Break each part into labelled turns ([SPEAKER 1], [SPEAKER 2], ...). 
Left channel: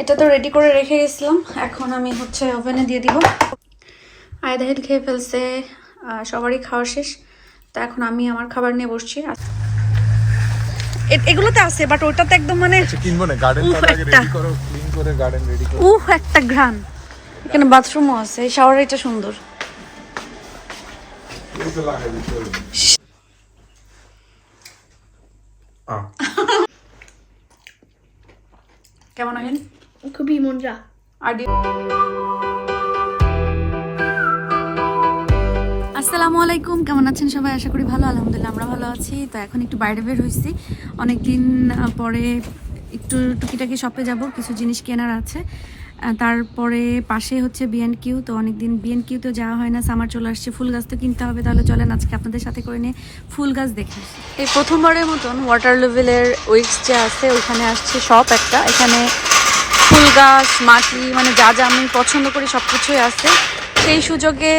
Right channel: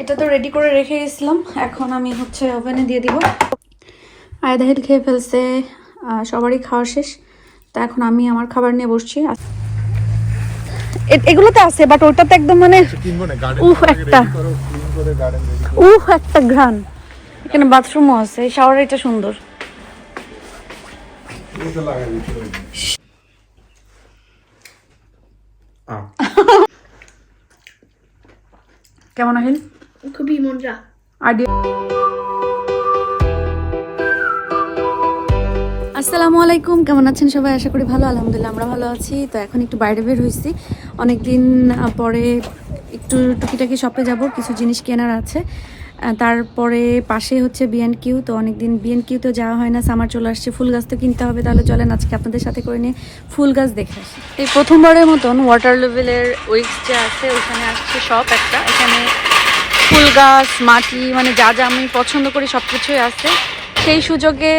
[SPEAKER 1] এটা তো রেডি করে রেখে গেছিলাম। এখন আমি হচ্ছে ওভেনে দিয়ে দিব। আয়দাহিল খেয়ে ফেলছে সবারই খাওয়া শেষ। তা এখন আমি আমার খাবার নিয়ে বসছি। এ- এগুলোতে আছে বাট ওটাতে একদম মানে উফ, একটা।
[SPEAKER 2] রেডি করো ক্লিন করে গার্ডেন রেডি করো।
[SPEAKER 1] উহ একটা ঘ্রাণ। এখানে বাথরুমও আছে এই শাওয়ার এটা সুন্দর।
[SPEAKER 2] এগুলো তো
[SPEAKER 1] কেমন আহিল
[SPEAKER 3] খুবই মজা
[SPEAKER 1] আসসালামু আলাইকুম কেমন আছেন সবাই? আশা করি ভালো আলহামদুলিল্লাহ আমরা ভালো আছি। তো এখন একটু বাইরে বের হয়েছি অনেকদিন পরে একটু টুকিটাকি শপে যাব কিছু জিনিস কেনার আছে। তারপরে পাশে হচ্ছে বিএন কিউ তো অনেকদিন বিএন কিউতেও যাওয়া হয় না সামার চলে আসছে ফুল গাছ তো কিনতে হবে তাহলে চলেন আজকে আপনাদের সাথে করে নিয়ে ফুল গাছ দেখে এই প্রথমবারের মতন ওয়াটার লেভেলের উইক্স যে আছে ওইখানে আসছে শপ একটা। এখানে ফুল গাছ, মাটি মানে যা যা আমি পছন্দ করি সব কিছুই আছে। সেই সুযোগে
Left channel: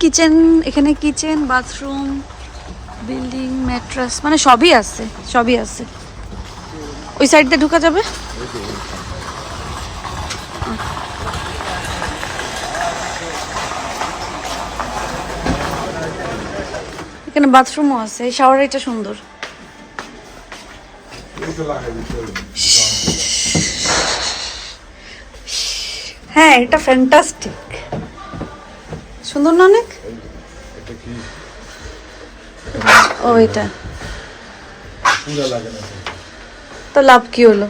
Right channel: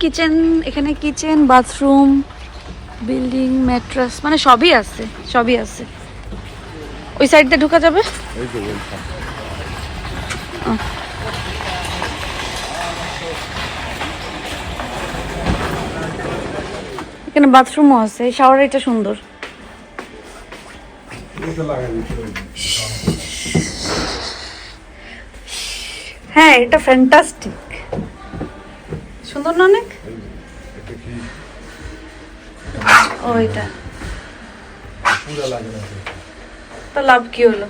[SPEAKER 1] কিচেন এখানে কিচেন বাথরুম বিল্ডিং ম্যাট্রাস মানে সবই আছে সবই আছে। ওই সাইড দিয়ে ঢোকা যাবে? এখানে বাথরুমও আছে শাওয়ার এটা সুন্দর। হ্যাঁ এটা ফ্যান্টাস্টিক সুন্দর না অনেক? ও এটা। তো। লাভ কি হলো?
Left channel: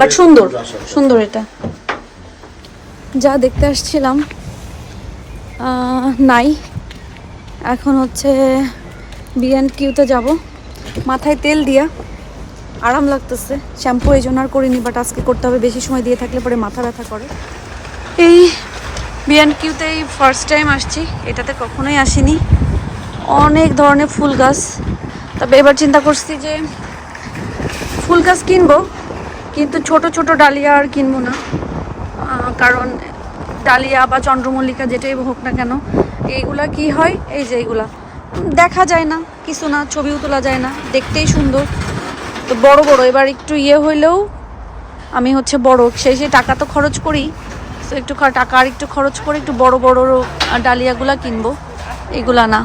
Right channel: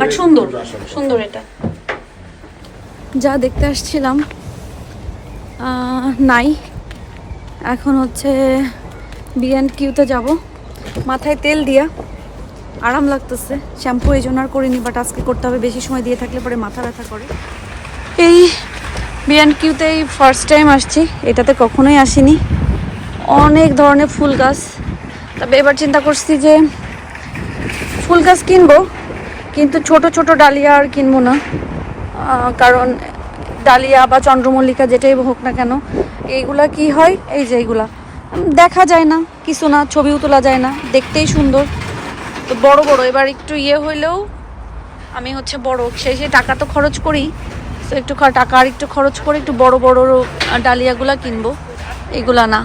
[SPEAKER 2] বাট
[SPEAKER 1] সুন্দর সুন্দর এটা। যা দেখতে আসছিলাম নাই। এখন হচ্ছে বিএন কিউতে যাব। মাথায় তেল দিয়া। আরাম লাগতেছে। শ্যাম্পু এই জন্য আর করিনি বাট আজকে করতে হবে। বেশি সময় দিয়ে থাকলে পরে মাথা ব্যথা করে। এই বিএন কিউতে এই ফার্স্ট টাইম আসছি। এটাতে কখনোই আসিনি। অনেক ধরনের ফুল গাছ। তবে এবার চিন্তা করছি যে ফুল গাছ কিনবো, কিন্তু ছোট ছোট ডালিয়া আর কিনবো না। কারণ ডালিয়া বা চন্দ্রমল্লিকা যেটাই হোক না কেন, এইগুলা কি হয়? এই যে এইগুলা। দেখা যায় না, কিছু না, ছবিও তোলা যায় না, দেখতেই সুন্দর। তো বড় বড়, এবার একটু ইয়ে হইলেও আমি হচ্ছে বড়, সেই সেই টাকা তো খরচ করি। তো একটু টাকা আর একটু খরচ করে একটু বড় বড় ডালিয়াগুলা কিনবো, এগুলা না।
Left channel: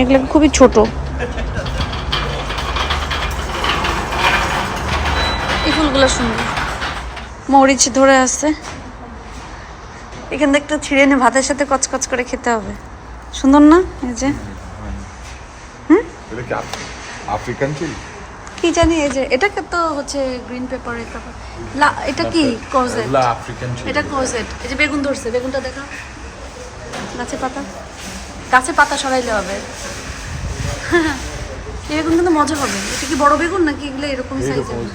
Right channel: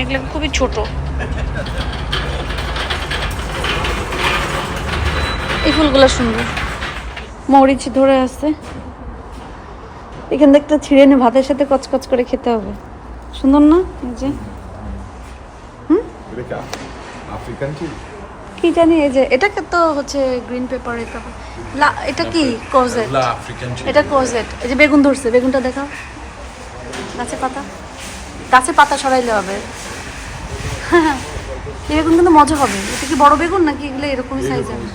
[SPEAKER 1] এগুলো খুবই ছোট। এই ফুলগুলো সুন্দর। মরিচ ধরে আছে। এখান থেকে ছিঁড়ে নিয়ে ভাতের সাথে কচকচ করে খেতে হবে। সুন্দর না? এই যে।
[SPEAKER 2] এটা কি আফ্রিকান
[SPEAKER 1] কি জানি এই যে এটাকে তো হচ্ছে গ্রিন পেপার পেপার এটা কি? কোজেট এটা কোজেট এই যে বেগুন ধরছে বেগুনটা দেখাও। গাছে পাতা। গাছে পাতা সরাইলে হবে। এই বেগুন কিন্তু মজা হবে। এটা কি বড় বেগুন নাকি এগুলো এরকমই সাইজ হবে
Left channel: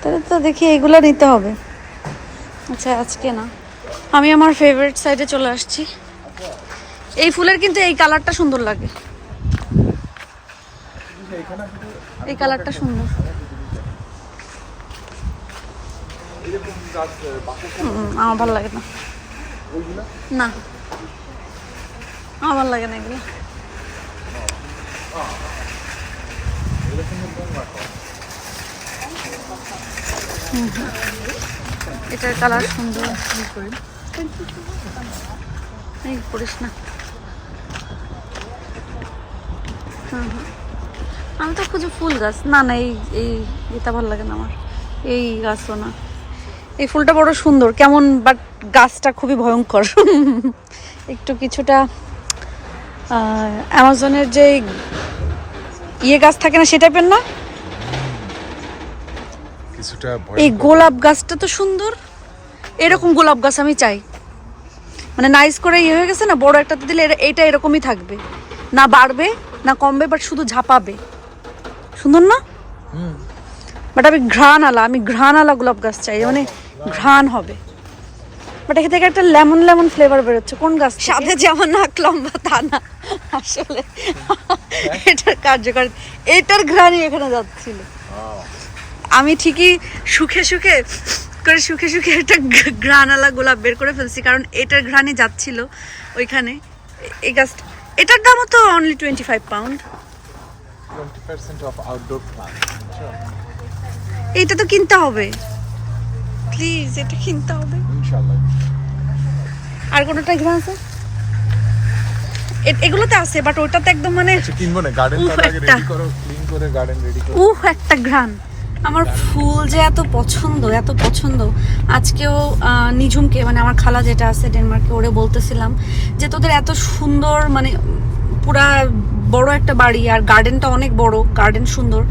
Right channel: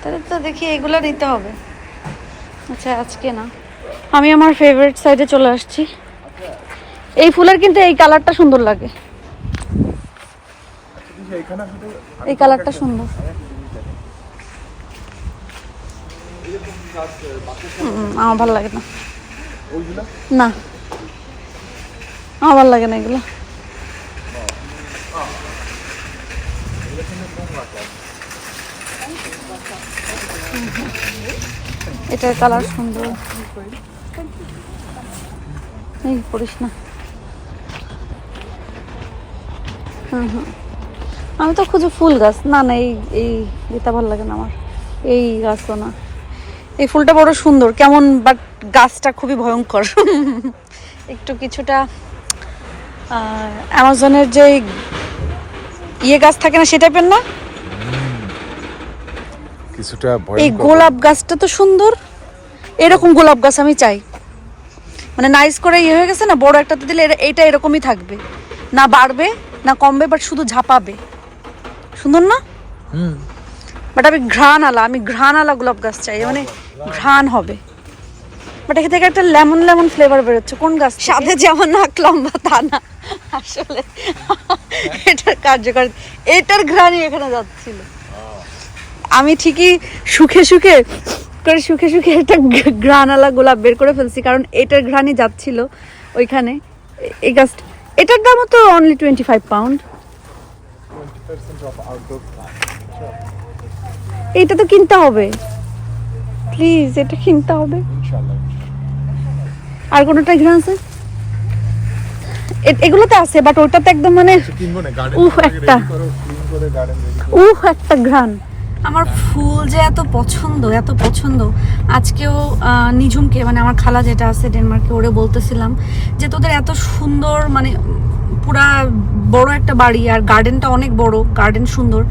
[SPEAKER 1] তাহলে তো দেখি এগুলো নিতে হবে। আচ্ছা আজকে না। আমি আমার ফেভারিট সাইডে চলে আসছি। এই ফুলের কিন্তু এই কালারটা সুন্দর লাগে। এই কালারটা সুন্দর। আমার ভালো লাগে না। না। আমার ভালো লাগে না এগুলো। হুম, হুম। এটার কালার সুন্দর। এই পড়িস না। হুম হুম। আমি তো খুঁজে ফুল গাছ। না না, এই এই এটা ভালো লাগে না আমার। এই গাছও না। এই ফুলটা বড় সুন্দর, কেমন বাট গাছটা খুবই ভয়ঙ্কর। একটু কিছুটা অ্যামাজনের যে ইয়ে গাছ থাকে না, সে টাইপের না?
[SPEAKER 2] কিছুটা
[SPEAKER 1] এই গোলাপ গাছটা তো সুন্দর। এরকম গোলাপ গাছ আমি চাই। মানে নাইস করে ইয়ে হয়ে গেছে না বড় একটাতে দিলে এরা- এইটা এরকমই থাকবে। না বাড়বে না কমবে বাট শুধু ঝাপাবে। সুন্দর না?
[SPEAKER 2] হুম।
[SPEAKER 1] বাট আমি ঘ্রাণ আলা আমি ঘ্রাণ আলা গোলাপ গাছ চাই মানে ঘ্রাণ হবে। বাট এখান থেকে একটা লেমন লেমন ফ্লেভার বেরোচ্ছে। কোন গাছ সাথে যেমন নাক লম্বা তা না। আসলে এটার কার্যকর এটার ঘ্রাণই এখানে যাচ্ছিল। আমি ঠিকই সুখে সুখে করে সুখে সুখে একটা ঘ্রাণালা গোলাপ বের করে ফেলছি কারণ এটার ঘ্রাণই যাচ্ছিল ওইখানে। এই গাছ এটার দামও তো only twenty five pound
[SPEAKER 2] 20% of outdoor plant.
[SPEAKER 1] এইটা তো কিনতে হবে। প্লিজ এটা কিনতে হবে। আর কোনোটা এখানে আছে? এ- এগুলোতে আছে বাট ওটাতে একদম মানে
[SPEAKER 2] কিছু কিনবো না গার্ডেন
[SPEAKER 1] উফ, একটা। উফ একটা ঘ্রাণ। আমার ফুল যে এত পছন্দ এত পছন্দ। আজকেও নিঝুমকে মানে আমার খালা যেটা আছে ডেনমার্কে, ওরে বলতেছিলাম যে তোদের এত সুন্দর মানে পুরা বড় একটা বাড়ি আর গার্ডেনটা অনেক বড়, গার্ডেন সুন্দর।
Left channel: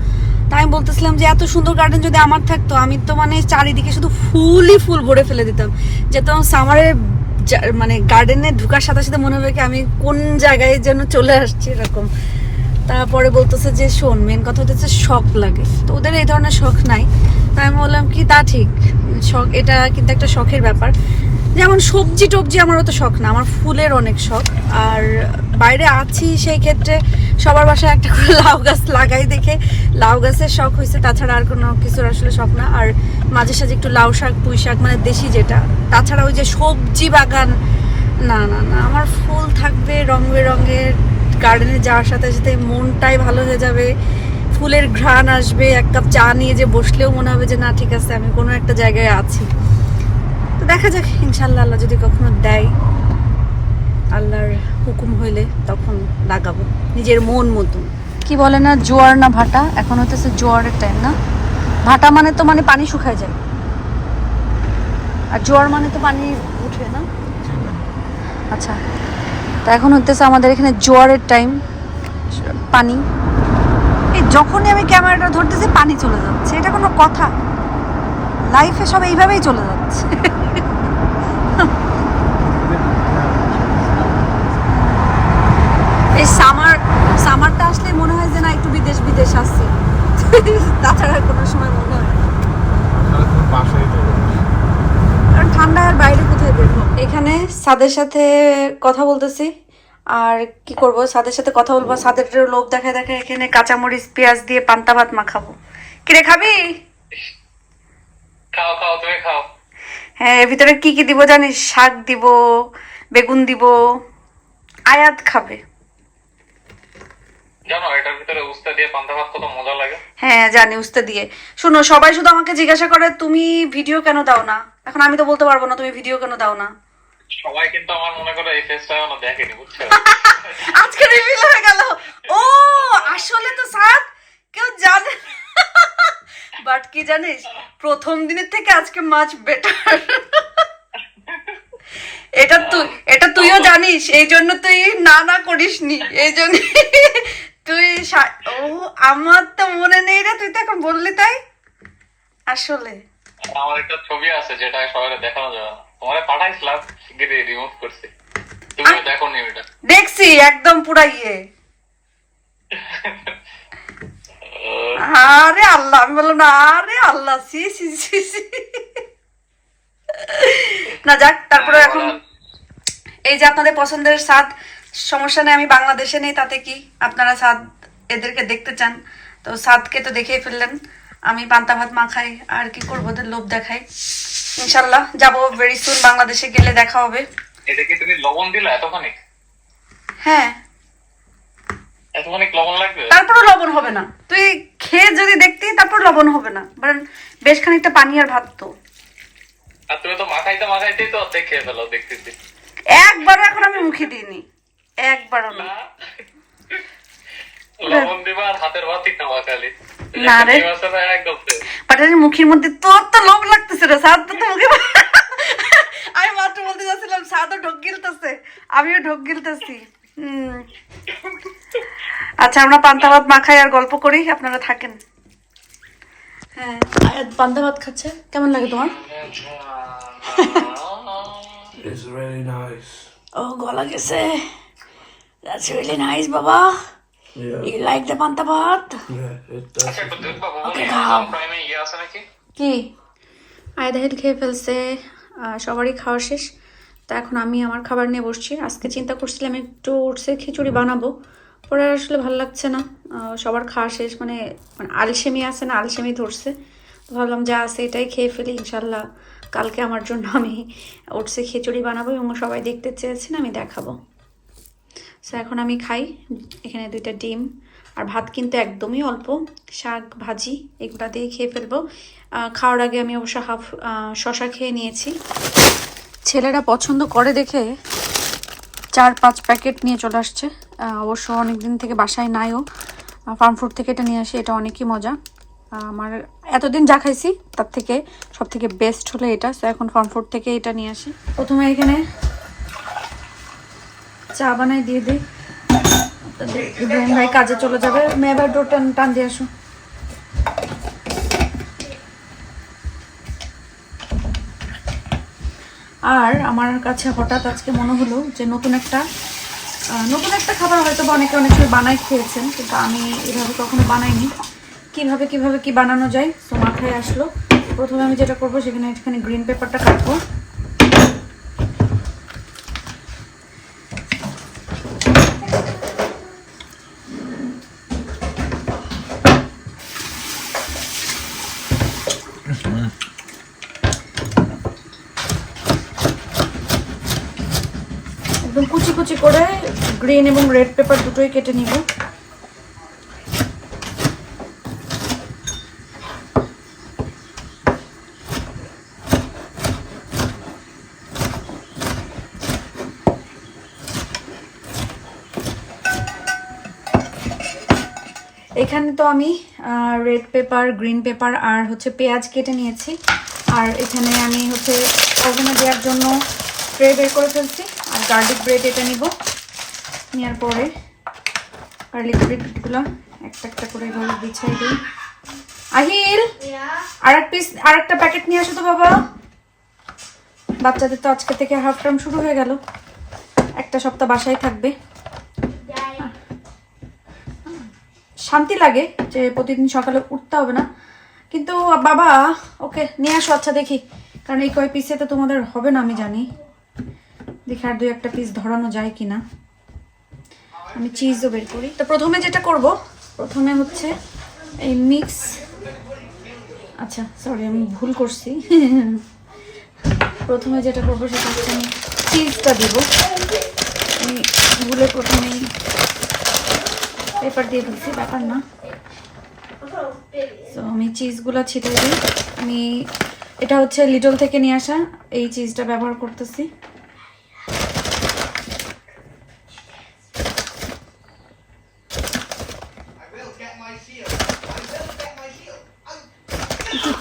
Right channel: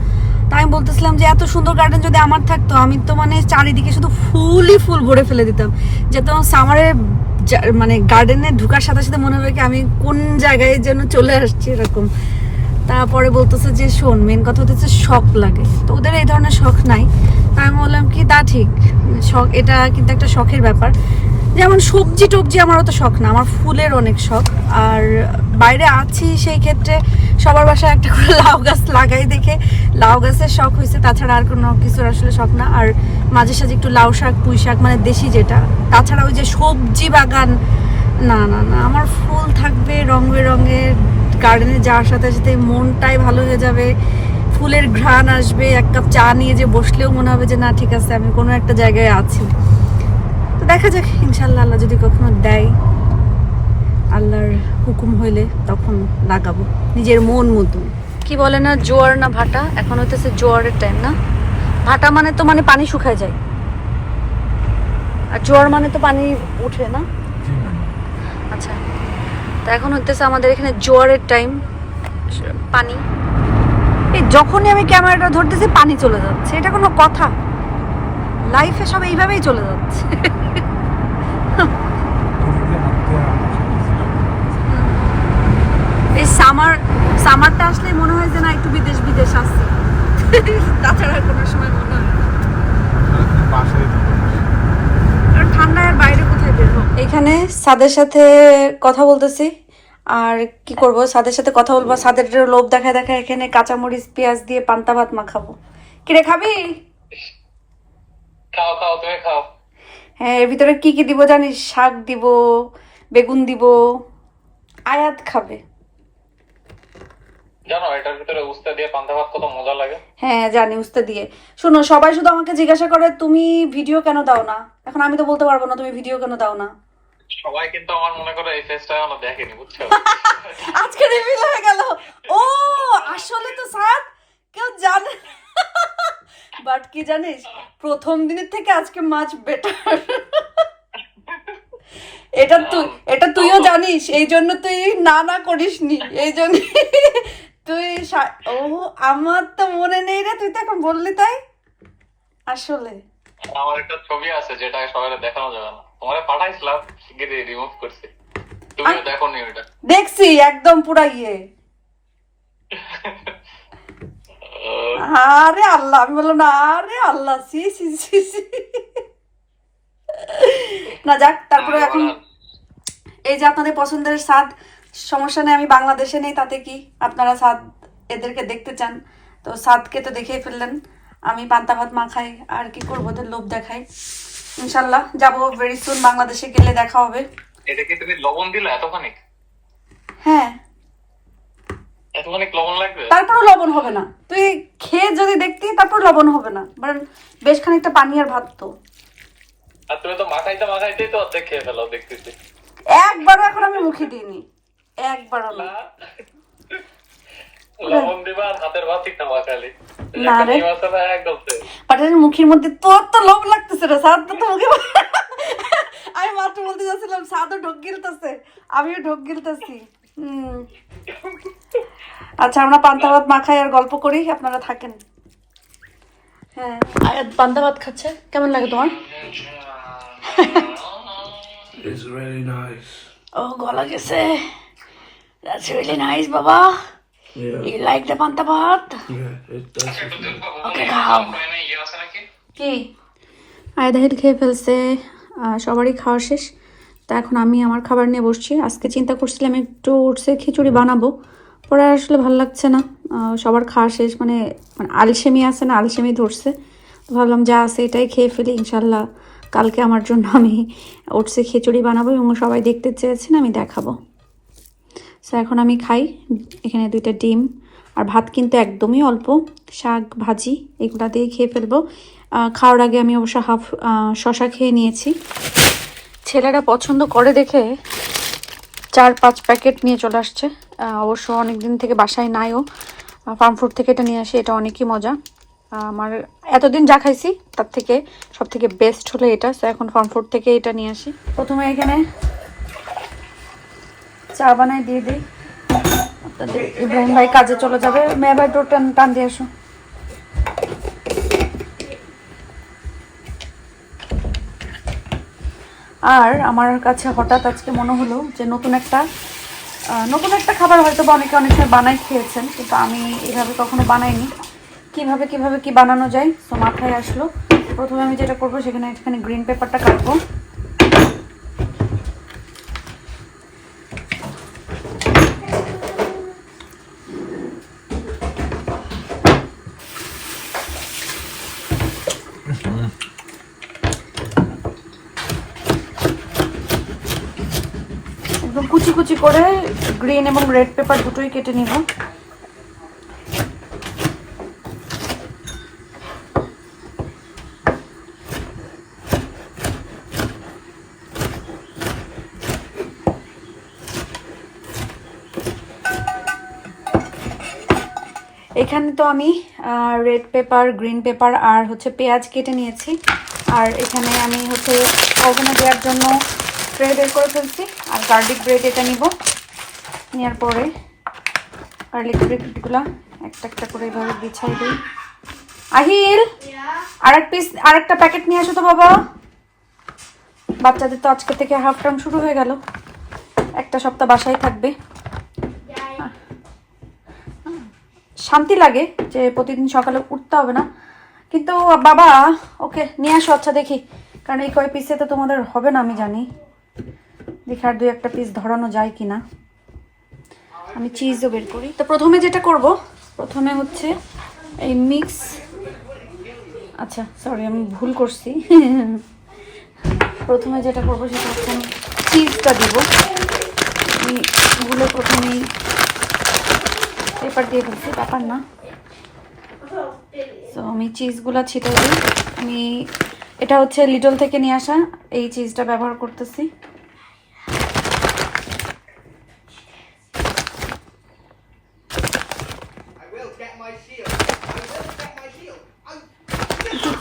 [SPEAKER 1] তাই আমি বলতেছিলাম যে এত সুন্দর গার্ডেন যদি আমার থাকতো, আমি তো মানে চারিদিকে শুধু ফুলই ফুল ভরে ফেলে দিতাম। যাতে আমার সামারে মানে গার্ডেনে ঢুকার সাথে সাথে মনে হবে কি আমি কোন জায়গায় যেন চলে আসছি এরকম। তারপরে বলতেছে যে, শোন মেন কথা হচ্ছে শখ লাগে। তো ওদের এই ধরনের শখ নাই। তাই আমি বললাম কি, তা ঠিক। শখ, এটা কিন্তু একটা শখের ব্যাপার। যেমন সবজি টবজি আমার অত শখ না, আমার ফুলের অনেক শখ। আর বাইরে আছি সেই ক্ষেত্রে সবার বাসায় একটা করে লাউ গাছ লাগাই দেখে লাউ গাছের শখ হয়েছে। তাছাড়া আর কোনো কিছুর আসলে শখ না। আর মাঝে সাঝে একটু লাউ শাক, পুঁই শাক মানে দেশি যেটা। তাছাড়া ওই যে সবজি বাগান, না না না, আমার ফুল থাকবে রং বেরঙের গার্ডেনে যাওয়ার সাথে সাথে মনটাই ভালো হয়ে যাবে। ফুলের ঘ্রাণ আসবে, এক কাপ চা নিয়ে যে বসলেও মনে হবে যে, না, ঠিক আছে, আমি কোনো একটা জায়গায় আছি। তো দেখা যাক ইনশাল্লাহ আল্লাহ যদি কখনো দেয়, আল্লাহর হুকুম হইলে তখন লাগাবো, নিজের মন মতন। কি বলে না, জোয়ার না ভাটা? এখন হইতেছে জোয়ারের টাইম না? ভাটা মানে তো মানে পানি শুকায় যায়। আর জোয়ার মানে তো পানি উঠে না? আচ্ছা। তা এখন হতেছে আমাদের এখানে জোয়ারের টাইম পানি। এই যখনই আমি ক্যামেরাটা ধরতেছি পানি চলে যাচ্ছে। এটা কোনো কথা। লাইফে সব এইভাবেই চলে যাচ্ছে। এই সামার সামারটা আসলে মনে হয় যে না একটু বিদেশ বিদেশ আসছে। তাছাড়া আর কোনো সময় মনে হয় ঠান্ডায় আর বাইরে কোথায় বের হোক এখানে সাদের সাথে কথা বলতেছি। আর কি করব? সাদের সাথে কথা বলব। সাদের লোভ দেখা দেখা এখানে কাঁচামরিচ পেঁয়াজ দিয়ে পান্তা ভাত মাখাবো। কিরে খাবি?
[SPEAKER 3] খাও খাও তুমি খাও।
[SPEAKER 1] হ্যাঁ এর ভিতরে কি কি দিব জানিস? শাক দিব বেগুন দিব আয়াত খাবে।
[SPEAKER 3] জানো এটার ভিতরে উস্তা দিয়ে পান্তা ভাত কত মজা লাগে।
[SPEAKER 1] হ্যাঁ জানি উস্তে দিয়ে। শোনো সবাই শুধু আমাকে জিজ্ঞাসা করে তুমি ভিডিও কেন দাও না? এখন আমি তো বলতে পারব না তুমি ভিডিও কেন দাও না?
[SPEAKER 3] সবাই কিন্তু আমার মনে করে এই ফেসটা এখনও দেখেনি বুঝছ?
[SPEAKER 1] আজকে রিভিল হয়ে গেল। ও আসলে তো কেউ জানে বাট কি জানিস প্রথম দিনের থেকে আজকে মাছ বেটার এটা তুই এটা তুইও জানিস এই জন্য তুই না না করিসনি এই জন্য তুই ও আমার তো মনে নেই রে তুই তো এখন বললি তাই? আসলে।
[SPEAKER 3] আমার একটা ছবি আছে যেটা সবাই দেখানো যাবে না। তোমার পাঠাইছিলাম শিগগিরই রিমুভ করছি। তুমিও দেখো নি ওইটা।
[SPEAKER 1] দেখছি একদম পুরা ইয়ে। আরে আল্লাহ আমি বললাম না আরে আল্লাহ সি সি সি সি। না যাক তারপরে এখন এই যে আপনাদের পছন্দের স্বাদ সমস্যা নেই আমি বাংলাদেশে নেই তাতে কি আপনারা স্বাদ এদেরকে দেখতে চান? তো স্বাদকে তো দেখেই ফেললেন। আমি পান্তা ভাত মাখাই আর কি করব ওদের লোভ দেখাই। ইনশাল্লাহ যাব ভেরি সুন বাংলাদেশে গেলে দেখা হবে।
[SPEAKER 3] এটা কি তুমি লবণ দিলে এতখানি
[SPEAKER 1] হ্যাঁ।
[SPEAKER 3] এতখানি লবণ লাগবে?
[SPEAKER 1] তারপরও লবণ হবে না। তুই খেয়ে যদি দেখতি তারপর লবণ হবে না। কারণ বেশ খানিকটা পানি আর ভাত তো।
[SPEAKER 3] আর তুমি তো মাখাইতে মাখাইতেই তো অর্ধেক খেয়ে ফেলো দেখতেছি।
[SPEAKER 1] একবারও এখন আমি মুখে দিইনি। একবারও না।
[SPEAKER 3] না
[SPEAKER 1] রে। পাটারির মুখের মধ্যে তোর তো লোভ লাগতেছে রে সাদ তো মুখে আমি মাত্র বলতে যাচ্ছিলাম সাদও ঢোক গিলতেছে আমিও ঢোক গিলতেছি। আচ্ছা আমরা পান্তা ভাত মাখাই আর গল্প করি আপনারা থাকেন। হ্যাঁ। আয়াত পান্তা ভাত খাচ্ছে? কেমন লাগে তোমার?
[SPEAKER 2] It's really nice.
[SPEAKER 1] ও গলা গেছে। That's really nice, বাবা.
[SPEAKER 2] Yeah,
[SPEAKER 1] You like the পান্তা ভাত?
[SPEAKER 2] yeah, it does.
[SPEAKER 1] খাও।
[SPEAKER 3] আছে নাকি
[SPEAKER 1] কি? আয়দাহিল খেয়ে ফেলছে সবারই খাওয়া শেষ তা এখন আমি আমার খাবার নিয়ে বসছি। আজকে চিন্তা করছিলাম একটু ওটসের খিচুড়ি বানাবো। পরে আসলে ভালো লাগছে না। সবার খাওয়া শেষ মানে মানে আলসেমি আছে না আলসেমি ধরছে। তো ভাবলাম যা আছে এটাই খেয়ে ফেলি ইনশাল্লাহ কালকে আমার জন্য আমি ওটসে খিচুড়ি বানাবো এবং সবাই দেখতে চেয়েছেন আমি দেখাবো। সো এখন আমি খাই। এখানে দুইটা ডিম। আর ভাত কিন্তু একদমই অল্প। শাক, ভাজি, এগুলা দিয়ে খেয়ে ফেলব। খাওয়ার আগে আমি অবশ্য হাফ শশা খেয়ে নিয়েছি। ছেলেরা পছন্দ করে দেখে চার, পাঁচ প্যাকেট নিয়ে চলে আসছে। অবশ্য অনেক দিন থেকে বাসায় নাইও। ফার্ম ফুড থেকে এটা নিয়ে আসি, এটা অনেকই মজা। আমার এতদিন যা খাইছি, তার থেকে সব থেকে বেস্ট হলো এটা। সো এখন ফার্ম ফুড থেকে এটা নিয়ে আসি। প্রথমে এখানে চা বানাই, দিয়ে দিই। ইব্রাহিম ভাই কাজে চলে যাবে। মেয়ে ভাই ডোর টান টান দিয়ে আসো আর আমার কাছে হঠাৎ আজকে মনে হলো যে নতুন একটা নতুন একটা খাবার হয়তো বা অনেকে অনেক বানাই খেয়েছেন, কিন্তু আমি এভাবে কখনো বানাইনি। কীভাবে কীভাবে কি বানানো যায়, তো মাথায় আসলো। প্রথমে আমি যেটা করব, সেখানে এখানে গ্রিন পেপারটা কাটবো। করে গ্রিন এবং রেড পেপার দুটোই কেটে নিব। এখানে তো আমি রেড পেপার গ্রিন পেপার আর হচ্ছে পেঁয়াজ কেটে নিয়েছি। আর এখানে আমি হচ্ছে ওভেনে দেওয়ার জন্য ট্রে বের করে ফেলছি। গার্লিক ব্রেড এটা নিব। নেওয়ার পরে গার্লিক ব্রেডগুলো একটা একটা করে এভাবে বিছাই দিই। আহিল আর এক পিস আর একটা প্যাকেট নিয়ে আসো তো বাবা। বাচ্চাদের তো আজকে থেকে হাফ টার্ম শুরু হয়ে গেল। একটা সপ্তাহ বাসায় থাকবে। শান্তি লাগে যে প্রতিদিন সকালে উঠতে হবে না। কিন্তু বাবা, ওকে নিয়ে আসো আচ্ছা দেখি। কারণ এই কয় পিসে তো তোমাদের হবে না আমি জানি। দেখি আর দুই একটা পিস ধরানো যায় কি না আমি চিজও বের করি। তো প্রথমে যেটা করব, প্রথমে হচ্ছে এই মিক্স আচ্ছা সরি আমি ভুল করছি। প্রথমে যেটা করব সেটা হচ্ছে আমি চিজটা দেবো। এইগুলো প্রথমেই পেপার দিয়ে দিচ্ছি পেপার না। তো আমি চিজগুলো ছিটাই দিই। আমি এটা হচ্ছে লিটল থেকে নিয়ে আসা, এই চিজটা ব্যবহার করতেছি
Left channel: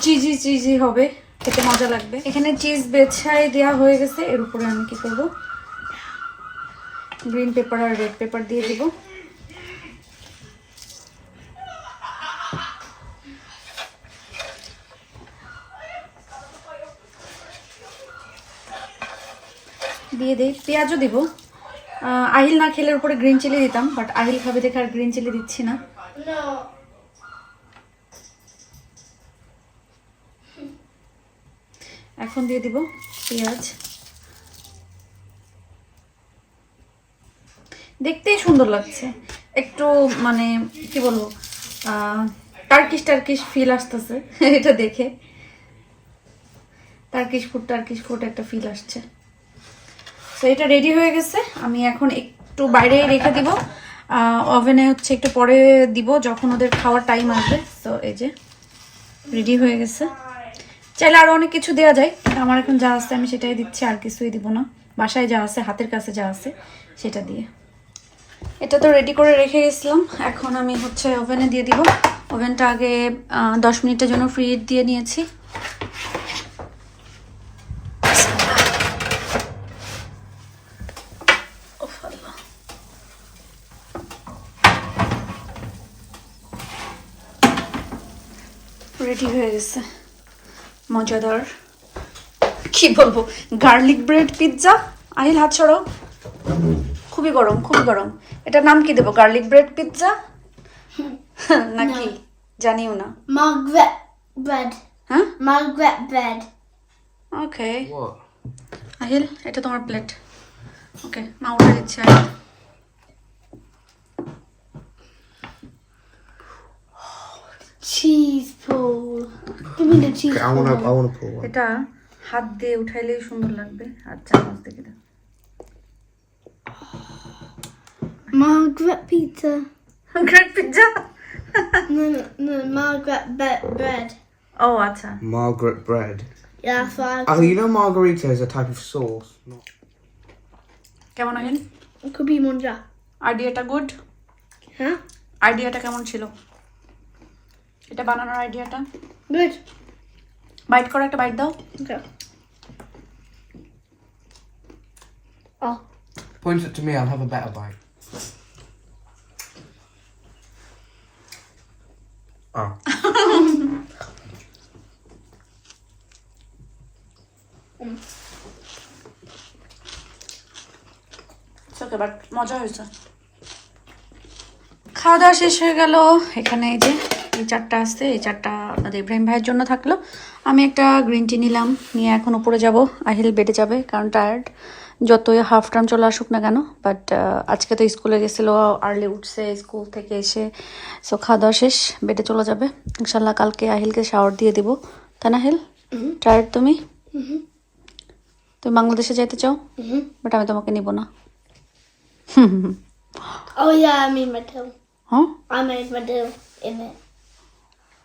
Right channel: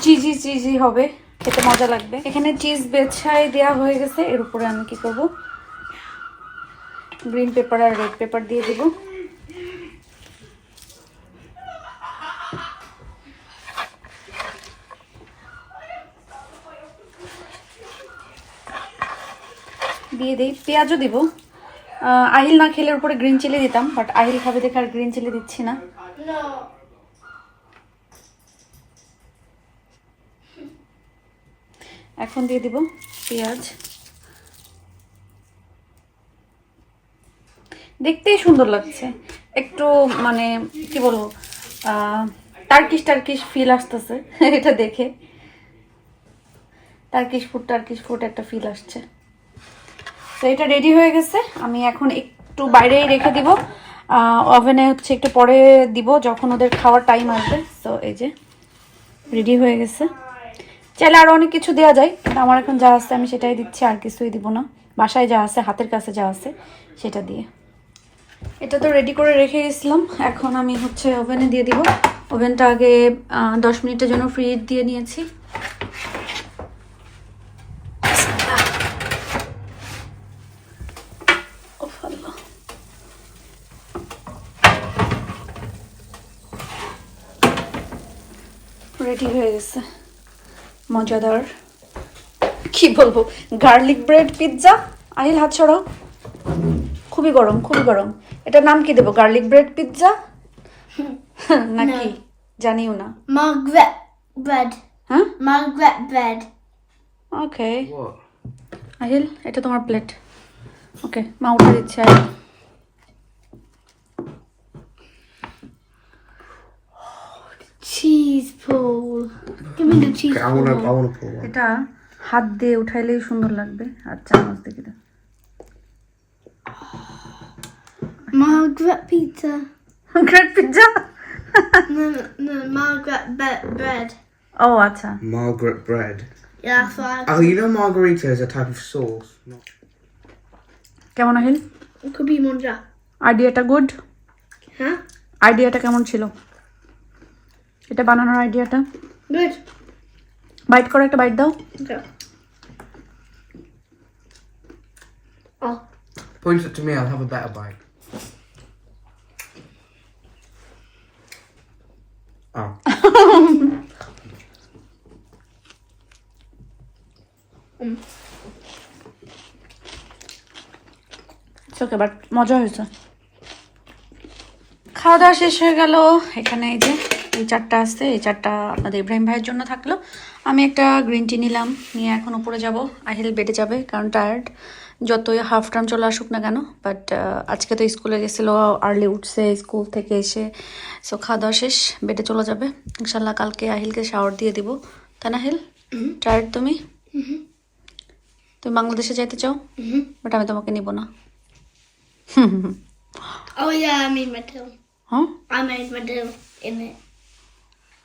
[SPEAKER 1] চিজি চিজি হবে, খেতে মজা লাগবে। এখানে চিজ বেছাই দেওয়া হয়ে গেছে, এর উপরে আমি কি করব? গ্রিন পেপার আর রেড পেপার দিয়ে দেবো। দিয়ে দিই, পেঁয়াজও দিব। আহিল না খেলে উপরে গ্রিন চিলি দিতাম বাট আহিল খাবে দেখে আর গ্রিন চিলি দিচ্ছি না। এখন দিয়ে দিব পেঁয়াজ। দেখতেই সুন্দর লাগছে। একটু মানে কি বলব টার্কিশ টার্কিশ ফিল আসতেছে, এটা দেখে। টার্কিশ ফুড টার্কিশ ফুড একটা ফিল আসছে। তো এটা রেডি হয়ে গেছে। আমি এখন একটু বাইরে রেখে দিব। ওভেনে হচ্ছে একটু পরে দিব, যখন ওদের খাওয়ার টাইম আসবে। তো এই যে রেডি হয়ে গেছে। চাইলে আরও অনেক কিছু দেওয়া যায় কিন্তু আমার এখন যা আছে আমি সেটাই দিচ্ছি, আর কিছুই দিব না। বাসায় যা আছে, হাতের কাছে যা আছে, সেটা দিয়ে। এটা তো রেডি করে রেখে গেছিলাম, এখন আমি হচ্ছে ওভেনে দিয়ে দিব। ওভেনটা আগে দশ মিনিটের জন্য ফ্রি দিয়ে নিয়েছি। রেডি হয়ে গেছে। মজাদার। কি বলব? গার্লিক ব্রেড পিৎজা আহিল হাত ছড়াও খুবই গরম খুবই গরম। এটা নাম কি দেবো? গার্লিক ব্রেড পিৎজা নাকি? জানিও না।
[SPEAKER 4] Bread.
[SPEAKER 1] হ্যাঁ?
[SPEAKER 4] Bread.
[SPEAKER 1] ওকে আহিল এটা তোমার প্লেট ওকে মা উঠে দিচ্ছে
[SPEAKER 4] Cheese pull. Give me the cheese
[SPEAKER 2] I wanna,
[SPEAKER 4] pull.
[SPEAKER 2] I wanna pull one.
[SPEAKER 1] এটা হাত দিয়ে উঠাইলেই সুন্দর লাগবে আর চামচ দেখে দাও
[SPEAKER 4] Margaret pizza.
[SPEAKER 1] Pizza
[SPEAKER 4] No, no, no Margaret be- bread.
[SPEAKER 1] ও আচ্ছা
[SPEAKER 5] Margaret bread.
[SPEAKER 4] Yeah, that's what I
[SPEAKER 5] Oh, you know margarita is a type of sauce. Not
[SPEAKER 1] কেমন Aahil
[SPEAKER 4] It could be monja.
[SPEAKER 1] আইডিয়াটা গুড
[SPEAKER 4] Huh?
[SPEAKER 1] আইডিয়াটা কেমন ছিল এটা বানানোর আইডিয়াটা
[SPEAKER 4] Good.
[SPEAKER 1] Byte করে একটা বাইট দাও
[SPEAKER 4] Okay. Oh,
[SPEAKER 5] point it to me. I'll have a better bite. Oh.
[SPEAKER 1] Okay but মজা হয়েছে খাওয়া দাওয়া শেষ হয়ে গেল এখানে এই যে চারটা আসছে এই চারটা আপনাদের ইব্রাহিম ভাইয়ের জন্য থাকল। আমি একটা গ্রিন টি নিলাম নিয়ে এখন উপরে যাব। আহিল বেডে যাবে কারণ টায়ার্ড যতই হাফ টার্ম চলে আসুক না কেন বাট আজকে তো স্কুলে গেছিল আর্লি উঠছে স্কুল থেকে এসে সো খাওয়া দাওয়া শেষ বেডে চলে যাবে। ইনশাল্লাহ কালকে আহিলকে শাওয়ার দিয়ে দিব। তাই না হিল টায়ার্ড তুমি? তুমি বাংলাদেশে যেতে চাও? বাট আমি তোমাকে নিব না।
[SPEAKER 4] Oh yeah, I made my tail.
[SPEAKER 1] হ্যাঁ
[SPEAKER 4] I made my tail in it.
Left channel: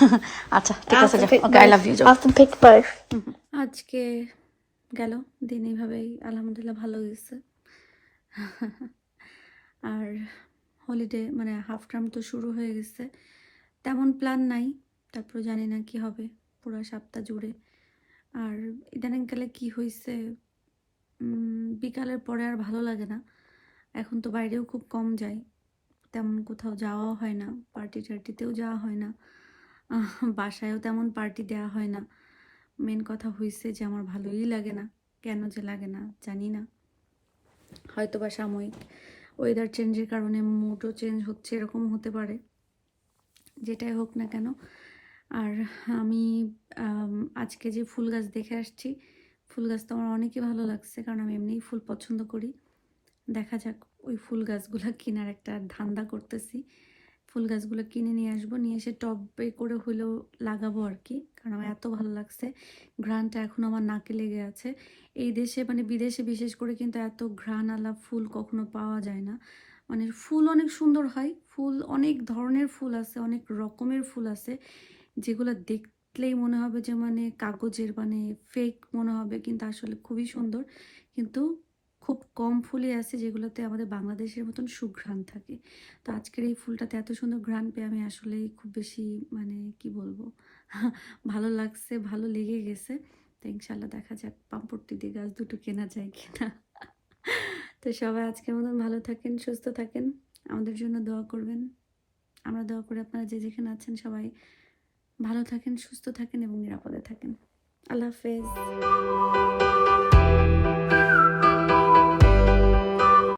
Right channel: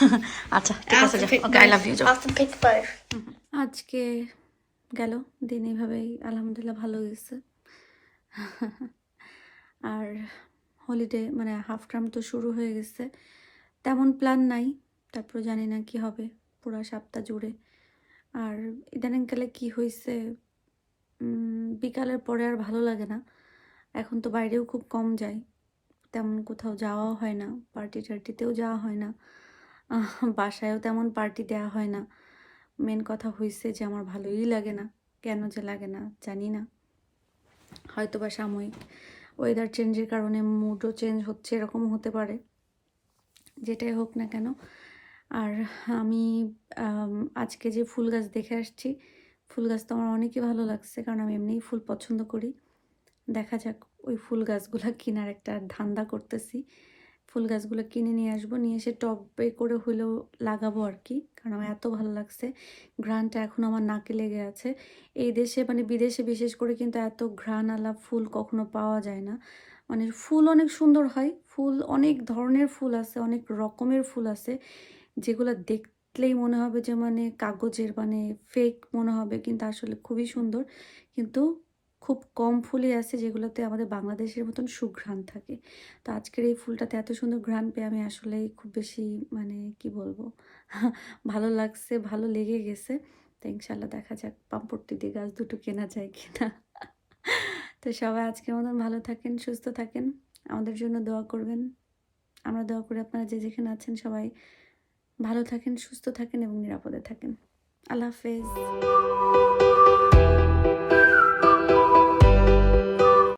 [SPEAKER 1] আচ্ছা ঠিক আছে যাও ওকে আই লাভ ইউ. আজকে গেল দিন এইভাবেই আলহামদুলিল্লাহ ভালো গেছে আর হলিডে মানে হাফ টার্ম তো শুরু হয়ে গেছে। তেমন প্ল্যান নাই তারপর জানি না কি হবে পুরো সপ্তাহ জুড়ে। আর ইদানিংকালে কি হয়েছে বিকালের পরে আর ভালো লাগে না। এখন তো বাইরেও খুব কম যাই। তেমন কোথাও যাওয়াও হয় না পার্টি টার্টিতেও যাওয়া হয় না। বাসায়ও তেমন পার্টি দেওয়া হয় না। মেন কথা হয়েছে যে আমার ভালোই লাগে না। কেন যে লাগে না, জানি না। হয়তো বা সাময়িক ওয়েদার চেঞ্জের কারণে মুডও চেঞ্জ হচ্ছে এরকম হতে পারে। যেটাই হোক না কেন। আর আমি, আজকে যে ফুল গাছ দেখে আসছি, ফুল গাছ তো আমার অনেকই ভালো লাগছে, কারণ আমি এমনিই ফুল পছন্দ করি। দেখা যাক ওই ফুল গাছগুলো কেনার একটা ধান্দা করতেছি। ফুল গাছগুলো কিনে নিয়ে আসব। নিয়ে এসে টবে করে হলেও লাগাবো আর কি, কারণ আমার এত ভালো লাগছে। ঘ্রাণটা এখন আমার নাকে লেগে আছে। এই দেশে মানে বিদেশে বিশেষ করে কিন্তু এত ঘ্রাণওয়ালা ফুল কখনো পাওয়া যায় না। মানে ফুল অনেক সুন্দর হয়, ফুল অনেক ধরনের ফুল আছে, অনেক রকমের ফুল আছে, যেগুলো দেখলেই মনে হবে যে মানে কাগজের মানে ফেক মনে হবে, কিন্তু আসলে খুবই সুন্দর। কিন্তু খুব কম ফুলই আছে যেগুলোতে আমাদের বাংলাদেশের মতন সুঘ্রাণ থাকে। তো আজকের এই ফুলটাতে এত সুন্দর ঘ্রাণ পেয়ে আমি আসলে খুব বেশি মানে কি বলব? ভালো লাগছে, ভালো লেগে গেছে। তো ইনশাল্লাহ দেখা যাক পাম্পড়টি দিয়ে গাছ দুটো কেনা যায় কিনা। তো সবাই আজকের মতন ভালো থাকেন, সুস্থ থাকেন। আমাদের জন্য দোয়া করবেন। আমরা দোয়া করি আপনারা যে যেখানে আছেন সবাই ভালো থাকেন, সুস্থ থাকেন এবং নিরাপদে থাকেন। আল্লাহ হাফেজ।